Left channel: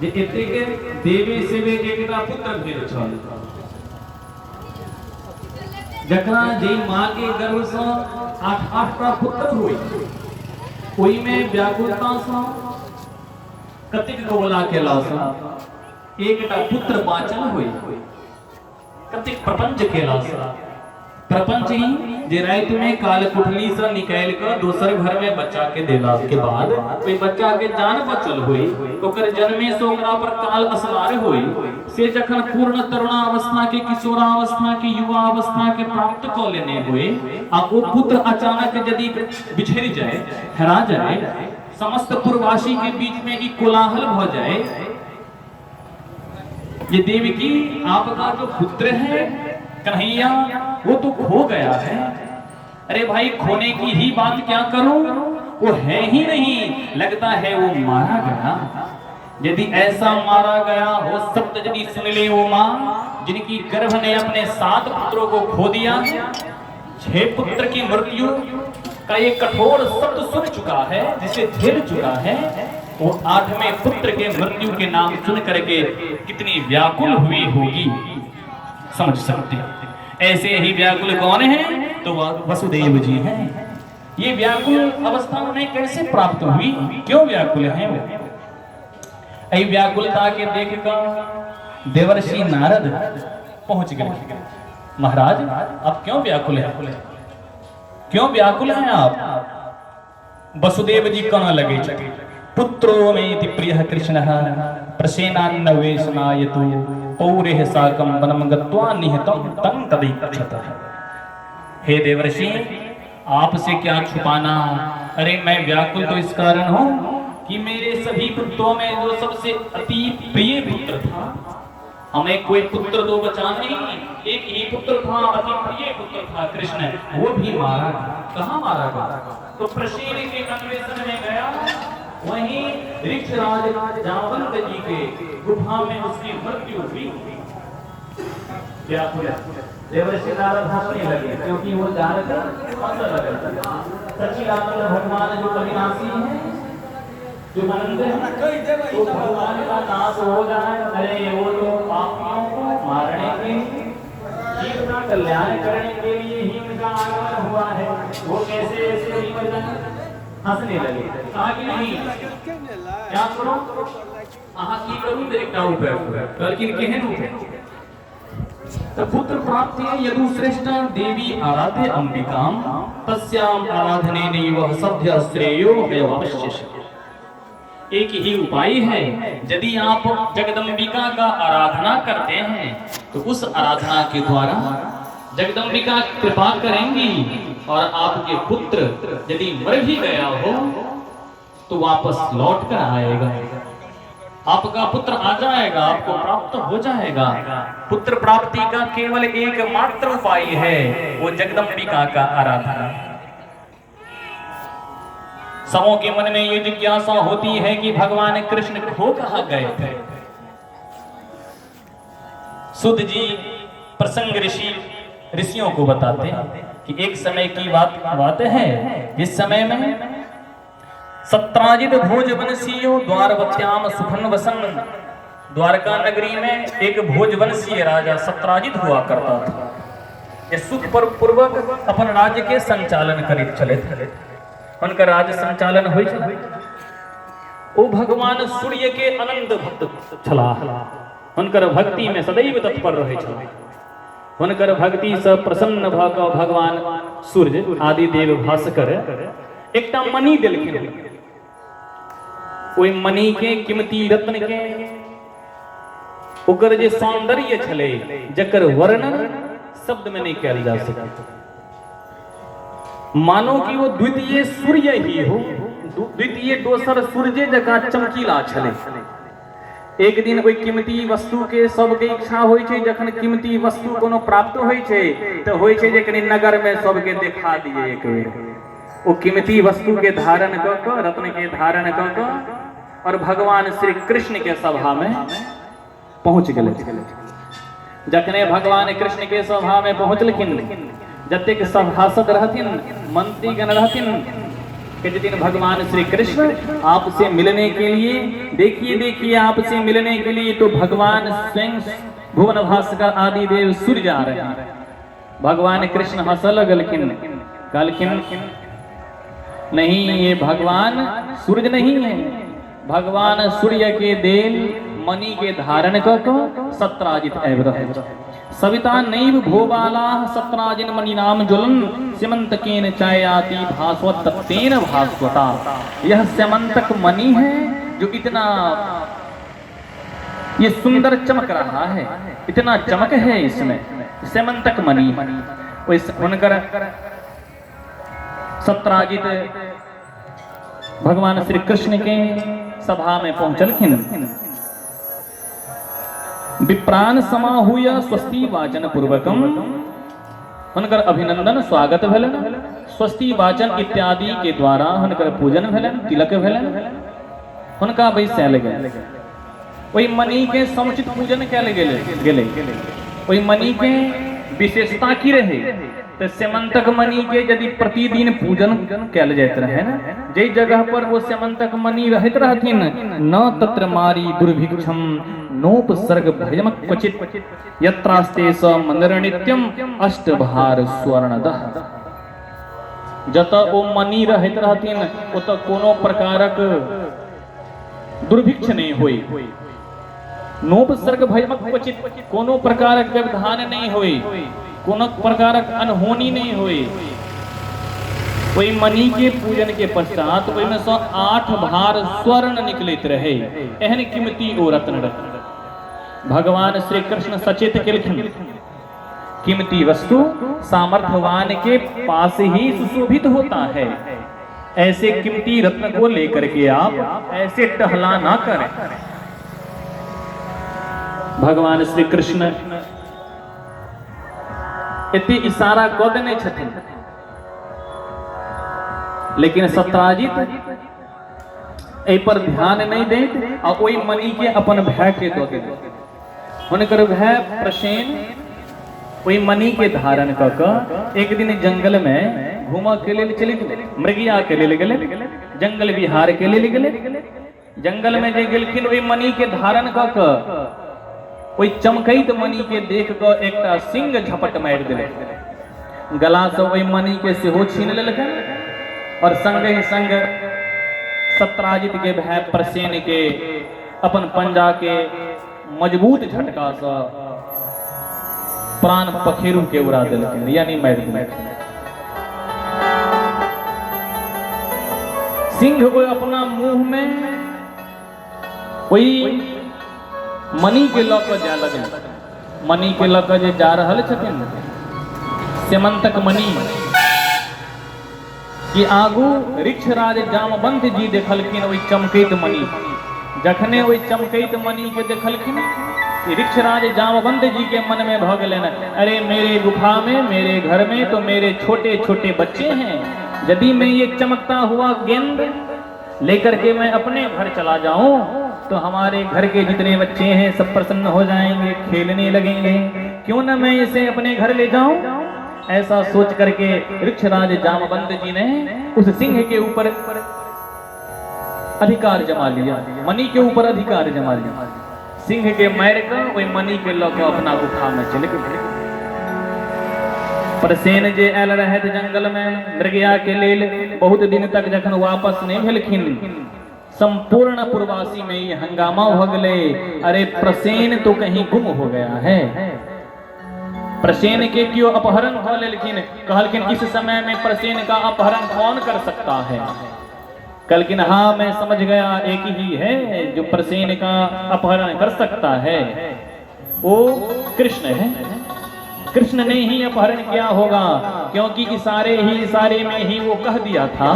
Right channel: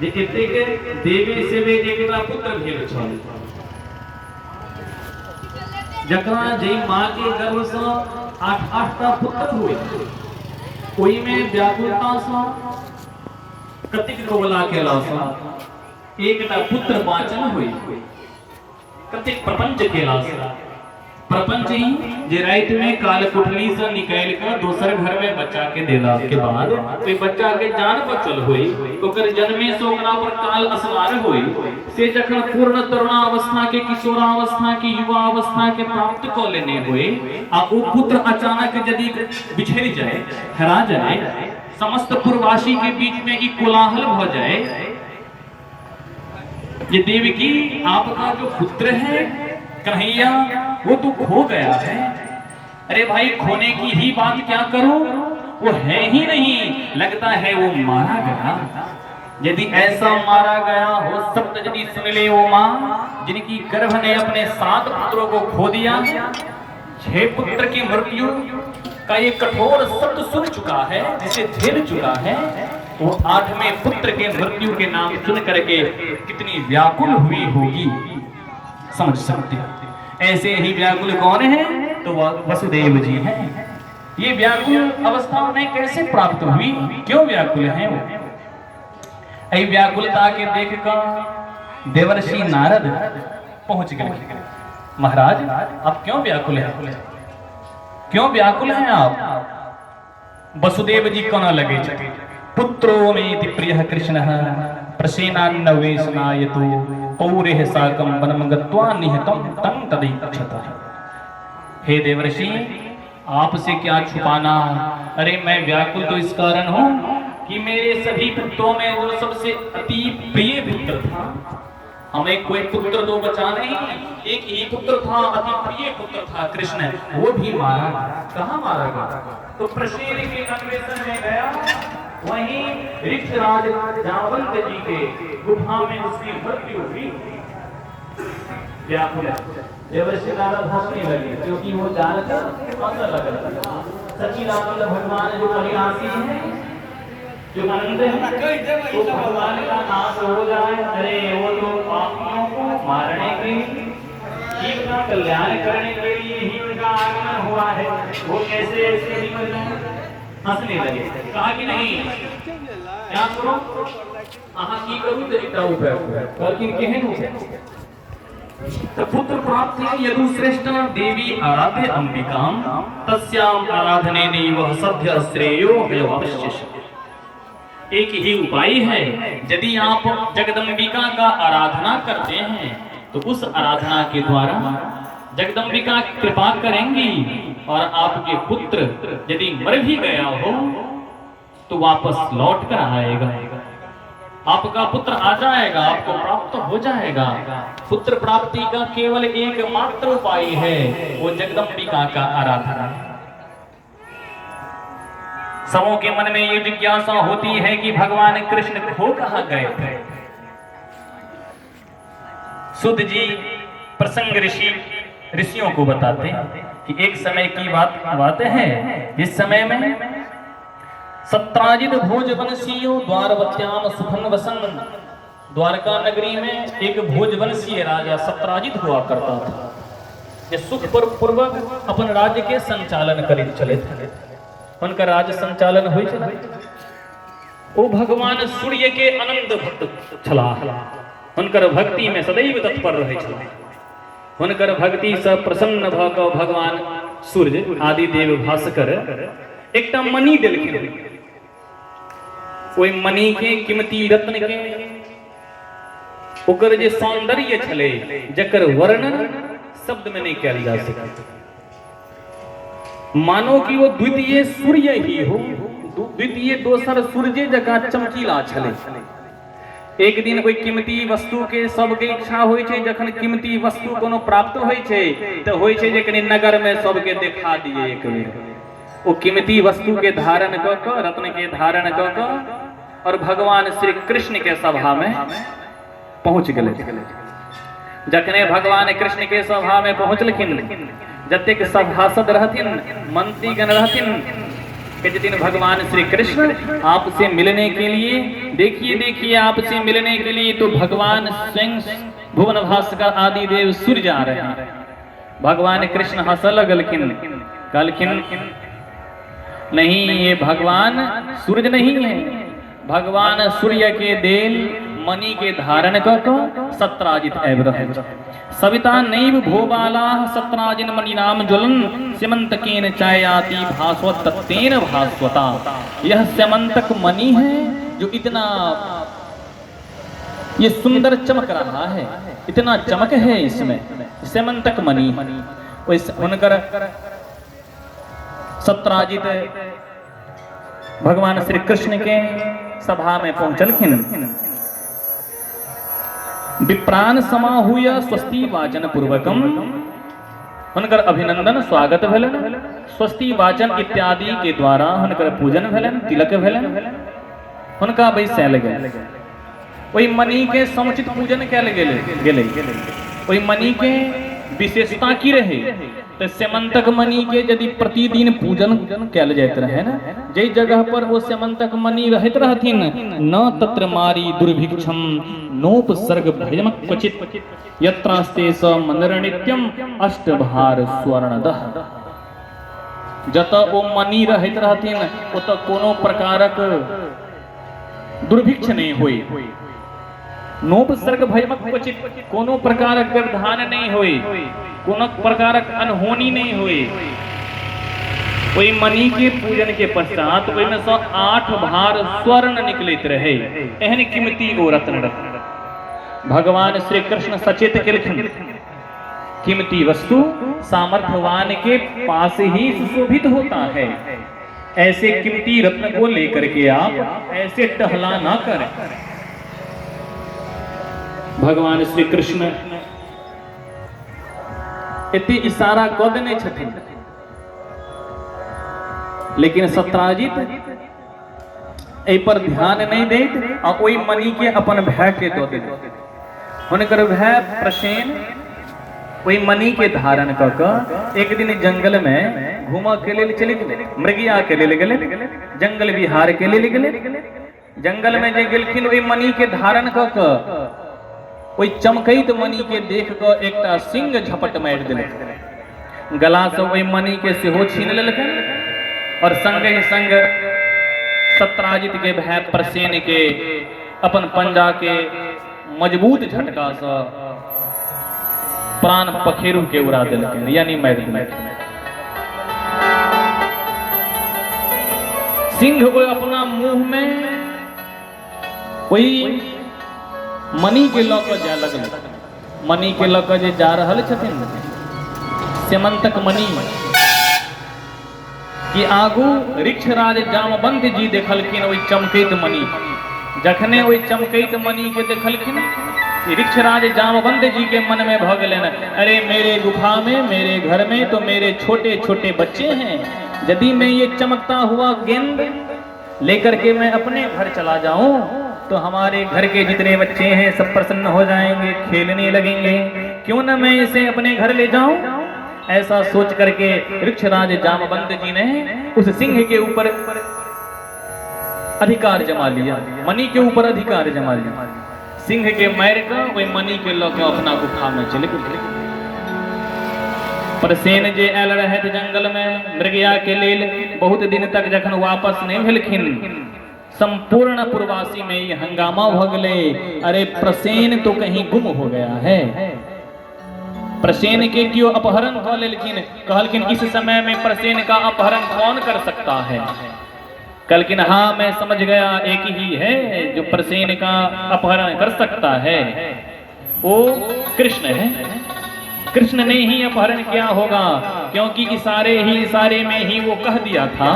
जे एतेक देवी सेवे एकटा पुत्र भेल छल, जकरा जे मां के गर्भ से 8टा पुत्र हुए, ओहि में व्याकुलता से कतेक कबला केला से एकटा पुत्र बाँचल हुए, कतेक प्रपंच केला से प्रपंच ही जे रात में काल कुठली से निकाल कर दोसर घर में बच्चा के देला के बाद वे बच्चा के जान बचल हुई, ओकर जन्मे से ओकरा पर काल असवार हुई, से जखन पूर्ण तरुणावस्था के किशोरावस्था के युवावस्था के प्राप्त क लेने हुए आ वो पुत्र अचानक यदि बिछड़ जाए, हेरा जाए, समस्त पुरवासी के बीच में एक कोलाहल हो जाए, ये देवकी आपका जो पुत्र है कन्हैया वो तो खो गया है। अरे भाई खोने की ही बात क्या करूं, वो है ही नहीं, लगता है वो मारा गया। यदि ऐसा मारा गया हो सप्त यदि सुन ले वो माँ जिनकी गर्भ ने अपने 7 पुत्रों को खो दिया, 6 पुत्र की मृत्यु का ये कठोर सत्य सुन चुका है, जिसे झेल चुका है, वो 8वें पुत्र के मृत्यु के नाम सुन करके कितनी व्याकुल हुई होगी, समझ सकते हैं। ऐसे ही व्याकुल कौन है, तो वसुदेव जी हैं। ये व्याकुल अवस्था उन्हें कैसे प्राप्त हुई, क्यों व्याकुल है वो? ऐ व्याकुलता के देखकर देवर्षि नारद पहुंच गए, महाराज आप क्यों व्याकुल हैं, क्यों व्याकुल हैं आप? वसुदेव जी कहने लगे, पुत्रो मेति प्रियः कृष्णः प्रसेनान्नवेशनायतु पौरेह साकं वनं गत्वा निहतं तं तदैक्षतः। हे देवर्षि आपसे क्या छुपाना, अरे मैं व्याकुल तो इस कारण हूँ कि मेरे सभी पुत्रों में जो सबसे अति प्रिय पुत्र था, हमें कोई पुत्र तो बचा नहीं, एक ही पुत्र था, अति प्रिय पुत्र था कृष्ण, वो भी मारा गया। कहाँ मारा गया? तो प्रसेन के अन्वेषण में गया, वहीं ऋक्षराज जामवंत जी के गुफा में उसकी मृत्यु हुई। व्याकुल देवर्षि नारद हंसने लगे, क्योंकि वो जानते सच्चिदानंद भगवान जो अविनाशी हैं, जो अनंत है, तो भगवान का नाश हो जाए, अरे वो तो पापियों को मारने के जीव का कल्याण करने के लिए ही उनका आगमन हुआ है, वो कैसे ऐसे निकल जाए? हंसने लगे, कहा कि नहीं क्या करो आहा की करूं तरीका उपाय, लेकिन केहन उपाय? तो पुत्र प्राप्ति यदु श्रेष्ठ देवी आराध्य अंबिका तस्याम आराधने वह सभ्य श्रेयो अवश्य। एक ही उपाय है, यदि आप जगदम्बिका का आराधना करते हैं तो उस आराधना के द्वारा जगदम्बिका कृपा करेंगी और आपके पुत्र यदि मर भी गया हो तो वापस लौट कर आएगा, आपका पुत्र आ जाएगा, आपको प्राप्त हो जाएगा। पुत्र प्राप्ति का केवल एकमात्र उपाय है, वो जगदम्बिका का आराधना है। सबों के मन में ये जिज्ञासा होती है कि भगवान कृष्ण खो कहां गए थे। सुध जी प्रसंग ऋषियों को बताते हैं कि एक समय की बात है, इस समय में सत्राजित भोजवंशीयो द्वारवत्याम सुखन वसन, द्वारका नगरी में एक भोजवंशीय राजा सत्राजित हुआ करता था, जो सुख पूर्वक अपन राज्य के संचालन करे चले थे। उनका राज्य संचालन हुई, वो भगवान सूर्य के अनंत भक्त छला, उनकर भक्ति में सदैव तत्पर रहे छला। उनकर भक्ति से प्रसन्न भ क भगवान सूर्य आदि देव भास्कर एकटा मणि देलखिन, ओई मणि के कीमती रत्न के ओकर जे सौंदर्य छले जकर वर्णन शब्द में नहीं कयल जा सके, मानो कि वो द्वितीय सूर्य ही हो, द्वितीय दोसर सूर्य जका चमकीला छले। एक दिन कोई कीमती वस्तु के सबके इच्छा होय छै, जखन कीमती वस्तु कोनो प्राप्त होय छै तो होय छै जे कनी नगर में सबके देखा दिए एक बेर। वो कीमती वस्तु के धारण क क रत्न के धारण क क और भगवान श्री कृष्ण के सभा में पहुंच गए। जखने भगवान कृष्ण के सभा में पहुंचलखिन, जतेक सभासद रहथिन, मंत्रीगण रहथिन, कि जिस दिन भगवान श्री कृष्ण आपसे मिलने के लिए, देखिए आपसे मिलने के लिए तो भगवान स्वयं भुवन भास्कर आदि देव सूर्य जा रहे हैं। भगवान कृष्ण हंसल गलखिन नहीं, ये भगवान सूर्य नहीं है, भगवान सूर्य के देल मणि के धारण कर सत्राजित एवं सविता नैव भोबाला सत्राजिन मणि नाम ज्वलन स्यमंतकेन चायाति भास्वत तत्तेन भास्वता। यह स्यमंतक मणि है जो इतना ये सुंदर चमक रहा है, इतना चमक है इसमें, स्यमंतक मणि। उनकर सत्राजित भगवान श्री कृष्ण के सभा में पहुंचलखिन। विप्राण समाहूय स्वस्ति वाचन पूर्वकम हुनकर अभिनंदन स्वागत भेलन, स्वस्ति वाचन इत्यादि के द्वारा हुनकर पूजन भेलन, तिलक भेलन, हुनका बैसायल गेल। ओहि मणि के समुचित पूजन कयल गेलै। ओहि मणि के विशेषता की रहे तो स्यमंतक मणि के यदि प्रतिदिन पूजन कयल जाइत रहे न, जे जगह पर वो स्यमंतक मणि रहत रहथिन न तत्र मारी दुर्भिक्षम नोपसर्ग भयमक क्वचित यत्रास्ते स मंदिर नित्यम अष्टभार स्वर्णदः। जत ओ मणि रहत रहथिन ओत कोनो प्रकारक दुर्भिक्ष नहीं होई, नोपसर्ग भयमक क्वचित कोनो प्रकारक व्यवधान नहीं होई, कोनो प्रकारक अनहोनी नहीं हुई। वही मणि के पूजन के पश्चात में 8 भार स्वर्ण निकलित रहे, एहन कीमती ओ रत्न भगवान श्री कृष्ण सचेत केलखिन। कीमती वस्तु सामर्थ्यवान के पास ही सुशोभित होता है, ऐसे कीमती रत्न को लेकर के आप ऐसे टहला ना करें। भगवान श्री कृष्ण इतनी इशारा कर देने छथिन, लेकिन सत्राजित एहि पर ध्यान नहीं देत आ ओहि मणि के अपन भाई के दे देत। हुनकर भाई प्रसेन ओहि मणि के धारण क के एक दिन जंगल में घूमा के लिए चले गेले, मृगिया के लिए गेले, जंगल विहार के लिए गेले। जंगल में जे गेलखिन ओहि मणि के धारण क के ओहि चमकैत मणि के देख क एकटा सिंह झपट मारि देले, गला से ओहि मणि के सेहो छीन लेलकन और संगे संग सत्राजित के भाई प्रसेन के अपन पंजा के मजबूत झटका से प्राण पखेरु के उड़ा देलकन, यानी मारि देलकन। सिंह को अपना मुंह में वही मणि के लऽ कऽ जाय लगल, मणि के लऽ कऽ जे जा रहल छथिन स्यमंतक मणि कि आगू ऋक्षराज जामवंत जी देखलखिन ओहि चमकैत मणि। जखने ओहि चमकैत मणि के देखलखिन ऋक्षराज जामवंत जी के मन में भ गेलनि, अरे मेरे गुफा में, मेरे घर में तो मेरे छोटे छोटे बच्चे हैं, यदि मैं ये चमकता हुआ गेंद लेकर के मैं अपने घर चला जाऊं तो हमारे घर के जितने बच्चे हैं सब प्रसन्न हो जाएंगे, खेलने लगेंगे, क्यों न मैं इसे अपने घर ले जाऊं। ऐसा सोच करके ऋक्षराज जामवंत जी ने उस सिंह के ऊपर अधिकार जमा लिया, मणि के ऊपर अधिकार जमा लिया। सिंह के मार कर वही मणि के लौके अपना गुफा में चले गए। प्रसेन जे आयल रहे जंगल में मृगया के लेल बहुत दिन तक जखन वापस नहीं भेलखिन, संपूर्ण पूर्वासी में ये हंगामा हो गए, अरे प्रसेन तो कहीं गुम हो गया है। प्रसेन के क्यों अपहरण कर लेकिन कहलकिन इस समय में प्रसेन का अपहरण कौन कर सकता है। कहलकिन हाँ मैं समझ गया, एक ही है जो प्रसेन का अपहरण कर सकता है, वो कृष्ण है। कृष्ण ने ही अपहरण किया होगा, क्योंकि इशारे में ही वो कह दिया था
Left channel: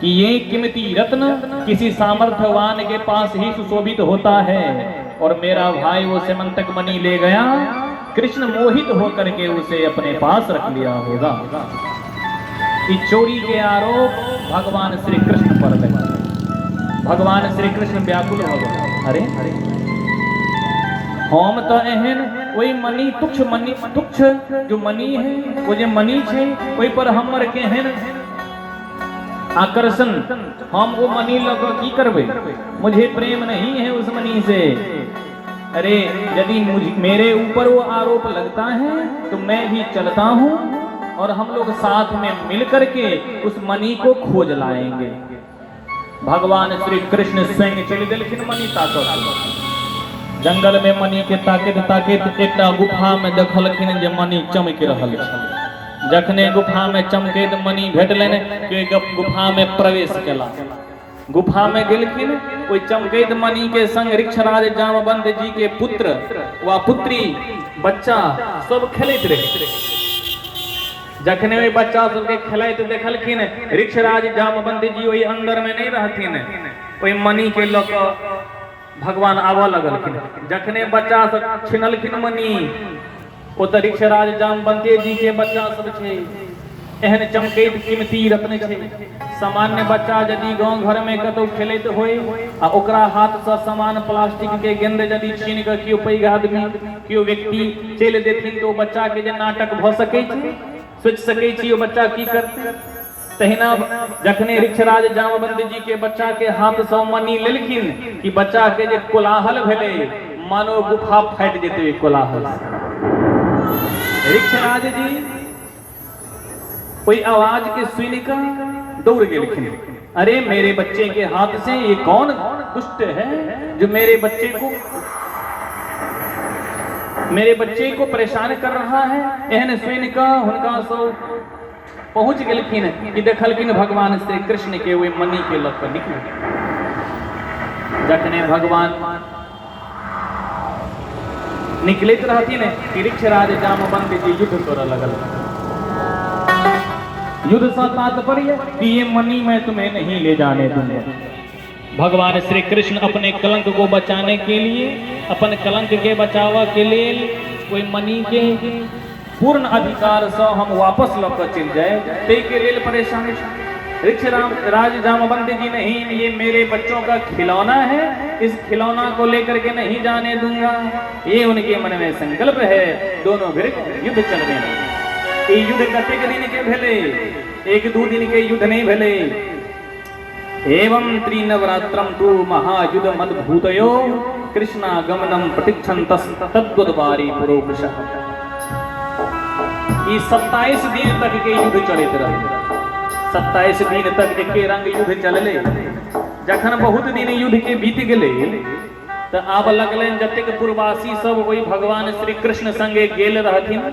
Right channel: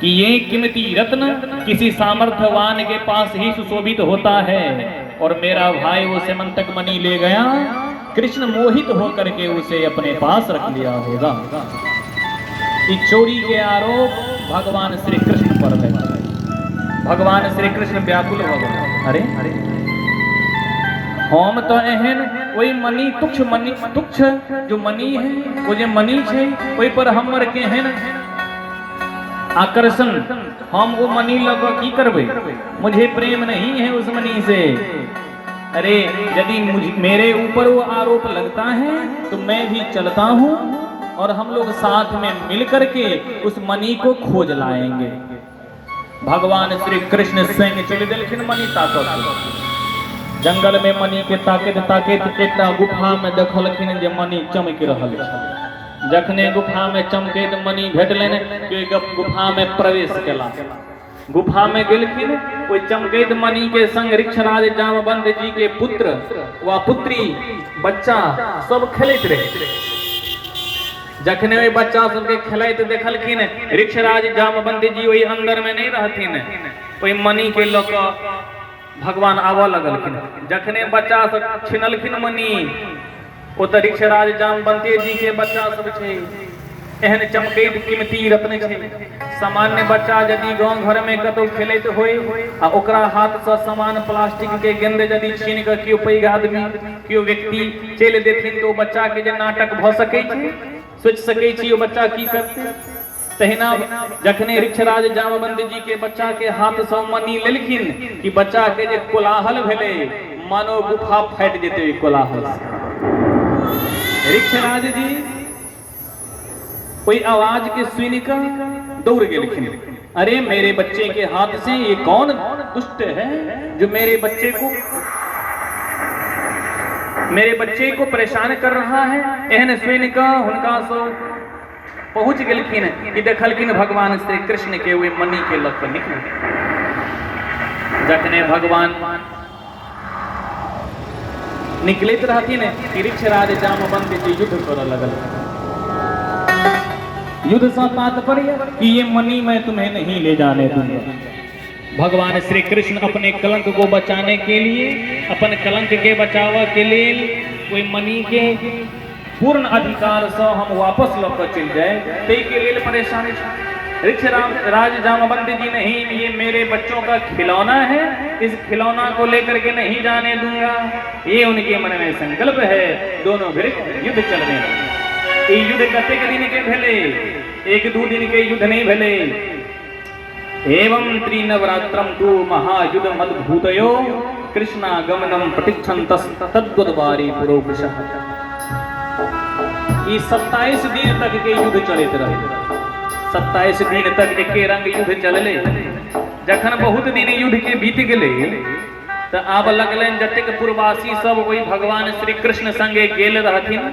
कि ये कीमती रत्न किसी सामर्थ्यवान के पास ही सुशोभित होता है, और मेरा भाई वो स्यमंतक मणि ले गया, कृष्ण मोहित होकर के उसे अपने पास रख लिया होगा। इस चोरी के आरोप भगवान श्री कृष्ण पर लगा। भगवान श्री कृष्ण व्याकुल हो गए, अरे हम तो एहन वही मणि तुच्छ जो मणि है, वो जो मणि है वही पर हमर केहन आकर्षण, हम वो मनी लग की करबे, मुझे प्रेम नहीं है उस मनी से। अरे यदि मेरे ऊपर वो आरोप लगता है तो मैं भी चलता हूँ और हम लोग साथ में मिल करके उस मनी को खोज लाएंगे। भगवान श्री कृष्ण स्वयं चले दिलखिन मनी ताकत जंगल में मनी के ताकत ताकत एक गुफा में देखलखिन जे मनी चमक रहल छै। जखने गुफा में चमकैत मनी भेटलैन के गुफा में प्रवेश केला। गुफा में गेलखिन, ओइ चमकैत मनी के संग ऋक्षराज जामवंत जी के पुत्र वा पुत्री बच्चा सब खेलैत रहे। जखने वे बच्चा सबके खेलैत देखलखिन, ऋक्षराज जामवंत जी ओइ अंदर में नहीं रहथिन, ओइ मनी के लऽ कऽ भगवान आबऽ लगलखिन। जखने बच्चा सब छिनलखिन मनी, ओतऽ ऋक्षराज जामवंत जी के बच्चा सब छै, एहन चमकैत कीमती रत्न छै। सामान्य बच्चा यदि गांव घर में कतौ खेलैत होय आ ओकरा हाथ से सामान प्लास्टिक के गेंद यदि छीन के कियो पैघ आदमी कियो व्यक्ति चलि देथिन तो बच्चा के जे नाटक भऽ सकै छै, सोचि सकै छी ओ बच्चा की करतै। तहिना जखने ऋक्षराज जामवंत जी के बच्चा के हाथ से मनी लेलखिन कि बच्चा के जे कोलाहल भेलै, मानो गुफा फाटि जेतै कोलाहल से। ऋक्षराज जी कोई आवाज के सुन कर दौड़ गेलखिन। अरे मेरे बच्चे के हाथ से ये कौन दुष्ट है जो मेरे बच्चे को परेशान कर रहा है। एहन सुन कर हुनका सब पहुंच गेलखिन कि देखलखिन भगवान श्री कृष्ण के वे मनी के लग कर निकल। जखने भगवान निकलैत रहथिन कि ऋक्षराज जामवंत जी युद्ध करऽ लगल। युद्ध से तात्पर्य कि ये मनी मैं तुम्हें नहीं ले जाने दूंगा। भगवान श्री कृष्ण अपने कलंक को बचाने के लिए, अपन कलंक के बचाव के लिए कोई मनी के पूर्ण अधिकार से हम वापस लौट चल जाए, ते के लिए परेशानी। ऋक्षराज जामवंत जी नहीं, ये मेरे बच्चों का खिलौना है, इस खिलौना को लेकर के नहीं जाने दूंगा, ये उनके मन में संकल्प है। दोनों फिर युद्ध चलने लगे। ये युद्ध कतेक दिन के भेले, एक दो दिन के युद्ध नहीं भेले। एवं त्रिनवरात्रम तु महायुद्ध मद्भूतयो कृष्णागमनम प्रतीक्षन्तस् तद्वद्वारी पुरोपशः। ये 27 दिन तक के युद्ध चलते रहे। 27 दिन तक एक रंग युद्ध चलले। जखन बहुत दिन युद्ध के बीत गए तो आब लगलन जतेक पूर्ववासी सब वही भगवान श्री कृष्ण संगे गेल रहथिन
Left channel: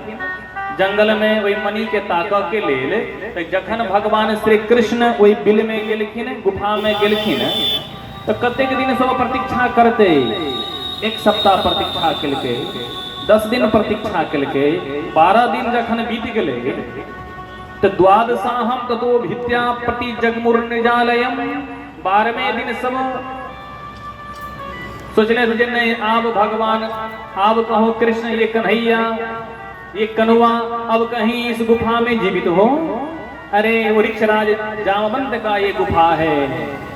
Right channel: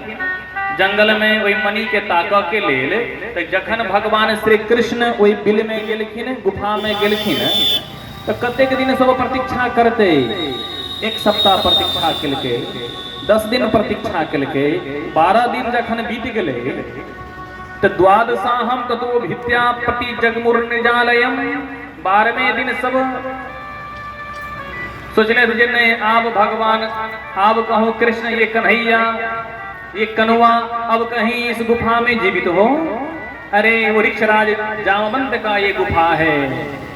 जंगल में वही मणि के ताकऽ के लेल। तो जखन भगवान श्री कृष्ण वही बिल में गेलखिन, गुफा में गेलखिन, तो कतेक दिन सब प्रतीक्षा करते। 1 सप्ताह प्रतीक्षा केलके, 10 दिन प्रतीक्षा केलके, 12 दिन जखन बीत गेले तो द्वादशाहम ततो भित्या प्रति जगमुर्निजालयम। 12वें दिन सब सोचले थे नहीं आप भगवान, आप कहो कृष्ण ये कन्हैया ये कनुआ अब कहीं इस गुफा में जीवित हो। अरे वो ऋक्षराज जामवंत का ये गुफा है,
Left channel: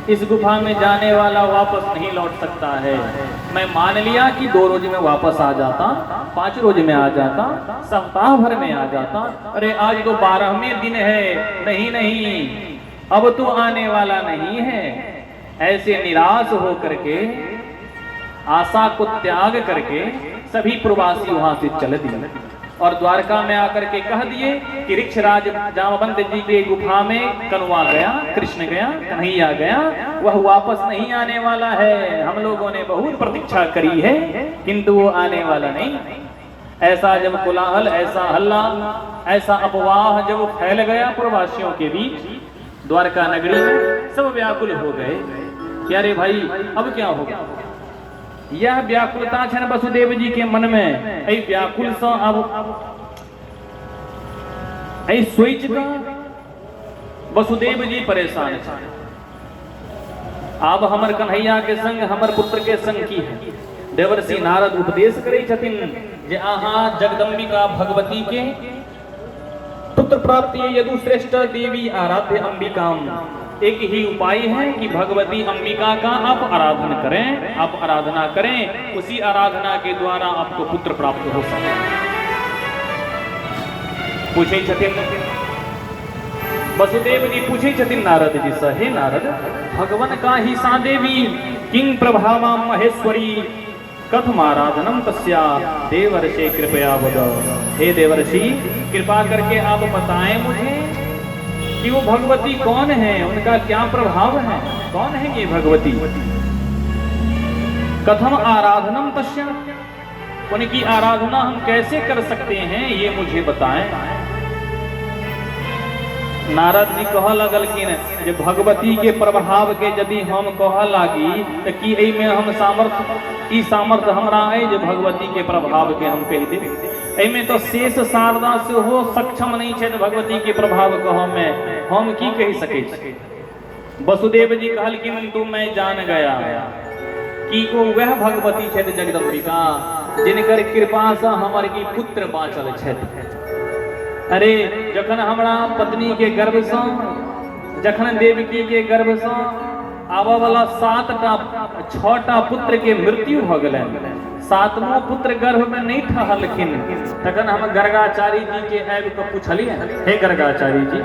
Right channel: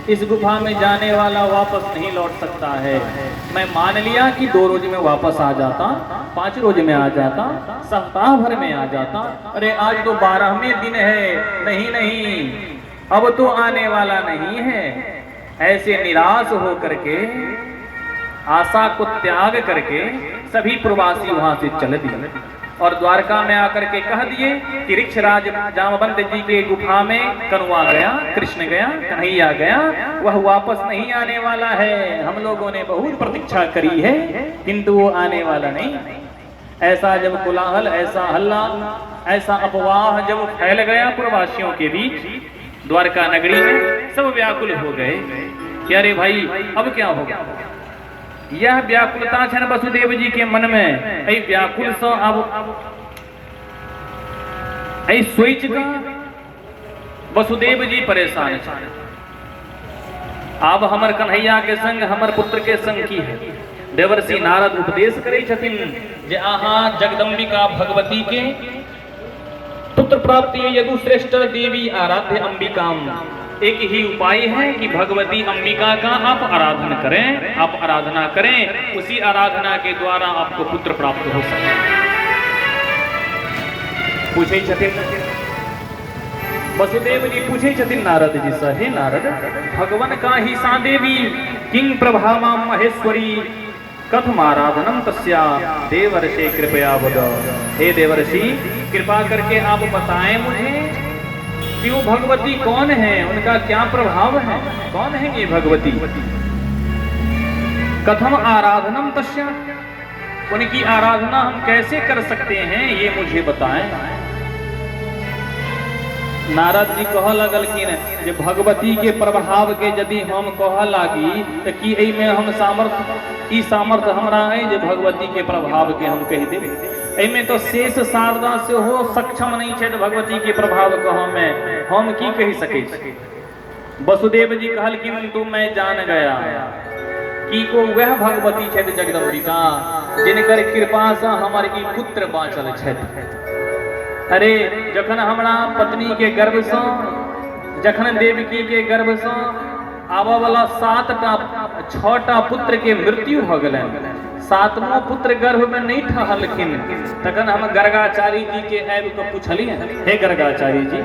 इस गुफा में जाने वाला वापस नहीं लौट सकता है। मैं मान लिया कि 2 रोज में वापस आ जाता, 5 रोज में आ जाता, सप्ताह भर में आ जाता। अरे आज तो 12वें दिन है, नहीं अब तो आने वाला नहीं है। ऐसे निराश हो करके, आशा को त्याग करके सभी प्रवासी वहां से चले दिए और द्वारका में आकर के कह दिए कि ऋक्षराज जामवंत जी के गुफा में कनुआ गया, कृष्ण गया, कन्हैया गया, वह वापस नहीं आने वाला है। हम लोगों ने बहुत प्रतीक्षा करी है किंतु वो आने वाला नहीं। ऐसा जब कोलाहल, ऐसा हल्ला, ऐसा अफवाह जब फैल गया प्रवासियों के बीच, द्वारका नगरी में सब व्याकुल हो गए कि अरे भाई अब क्या होगा। यह व्याकुलता छन वसुदेव जी के मन में। ऐ व्याकुल से अब ऐ सोच का वसुदेव जी परेशान छन। अब हमर कन्हैया के संग, हमर पुत्र के संग की है। देवर्षि नारद उपदेश करे छथिन जे आहा जगदम्बिका भगवती के पुत्र प्राप्ति यदु श्रेष्ठ देवी आराध्य अंबिकाम। एक ही उपाय है कि भगवती अंबिका का आप आराधन करें, आप आराधना करें, उसी आराधना के द्वारा आपको पुत्र प्राप्त हो सके। पूछे छथिन वसुदेव जी पूछे छथिन नारद जी से, हे नारद, भगवन का ही सा देवी किंग प्रभावा महेश्वरी कथमाराधनम तस्या देवर्षि कृपया वद। हे देवर्षि, कृपा करके आप बताएं मुझे कि वो भगवती कौन है, उनका क्या प्रभाव है, कौन है ये भगवती। कथम आराधनम तस्या, उनकी आराधना हम कैसे कर सकते हैं, ये मुझे बताएं। नारद जी कह लगलखिन जे भगवती के प्रभाव के यदि हम कह लागी तो कि एमे हम सामर्थ हमरा है जे भगवती के प्रभाव के हम कह देब। एमे तो शेष शारदा से हो सक्षम नहीं है भगवती के प्रभाव कह में हम की कह सके। वसुदेव जी कहलखिन तो मैं जान गया कि को वह भगवती है जगदम्बिका जिनकर कृपा से हमर की पुत्र बाँचल छथि। अरे जखन हमरा पत्नी के गर्भ से, जखन देवकी के गर्भ से आबा वाला 6टा पुत्र के मृत्यु भ गए, 7वां पुत्र गर्भ में नहीं ठहलखिन, तखन हम गर्गाचारी जी के आबि के पूछलिए, हे गर्गाचारी जी,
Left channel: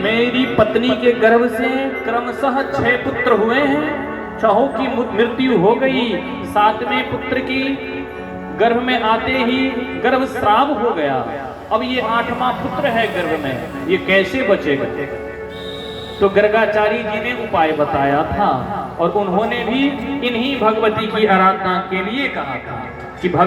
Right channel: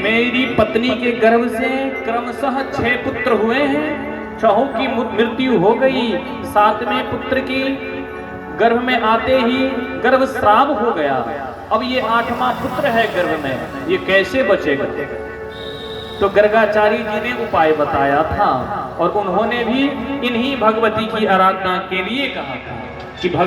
मेरी पत्नी के गर्भ से क्रमशः 6 पुत्र हुए हैं, 6 की मृत्यु हो गई, 7वें पुत्र की गर्भ में आते ही गर्भ श्राप हो गया, अब ये 8वां पुत्र है गर्भ में, ये कैसे बचेगा। तो गर्गाचारी जी ने उपाय बताया था और उन्होंने भी इन्हीं भगवती की आराधना के लिए कहा था कि भगवती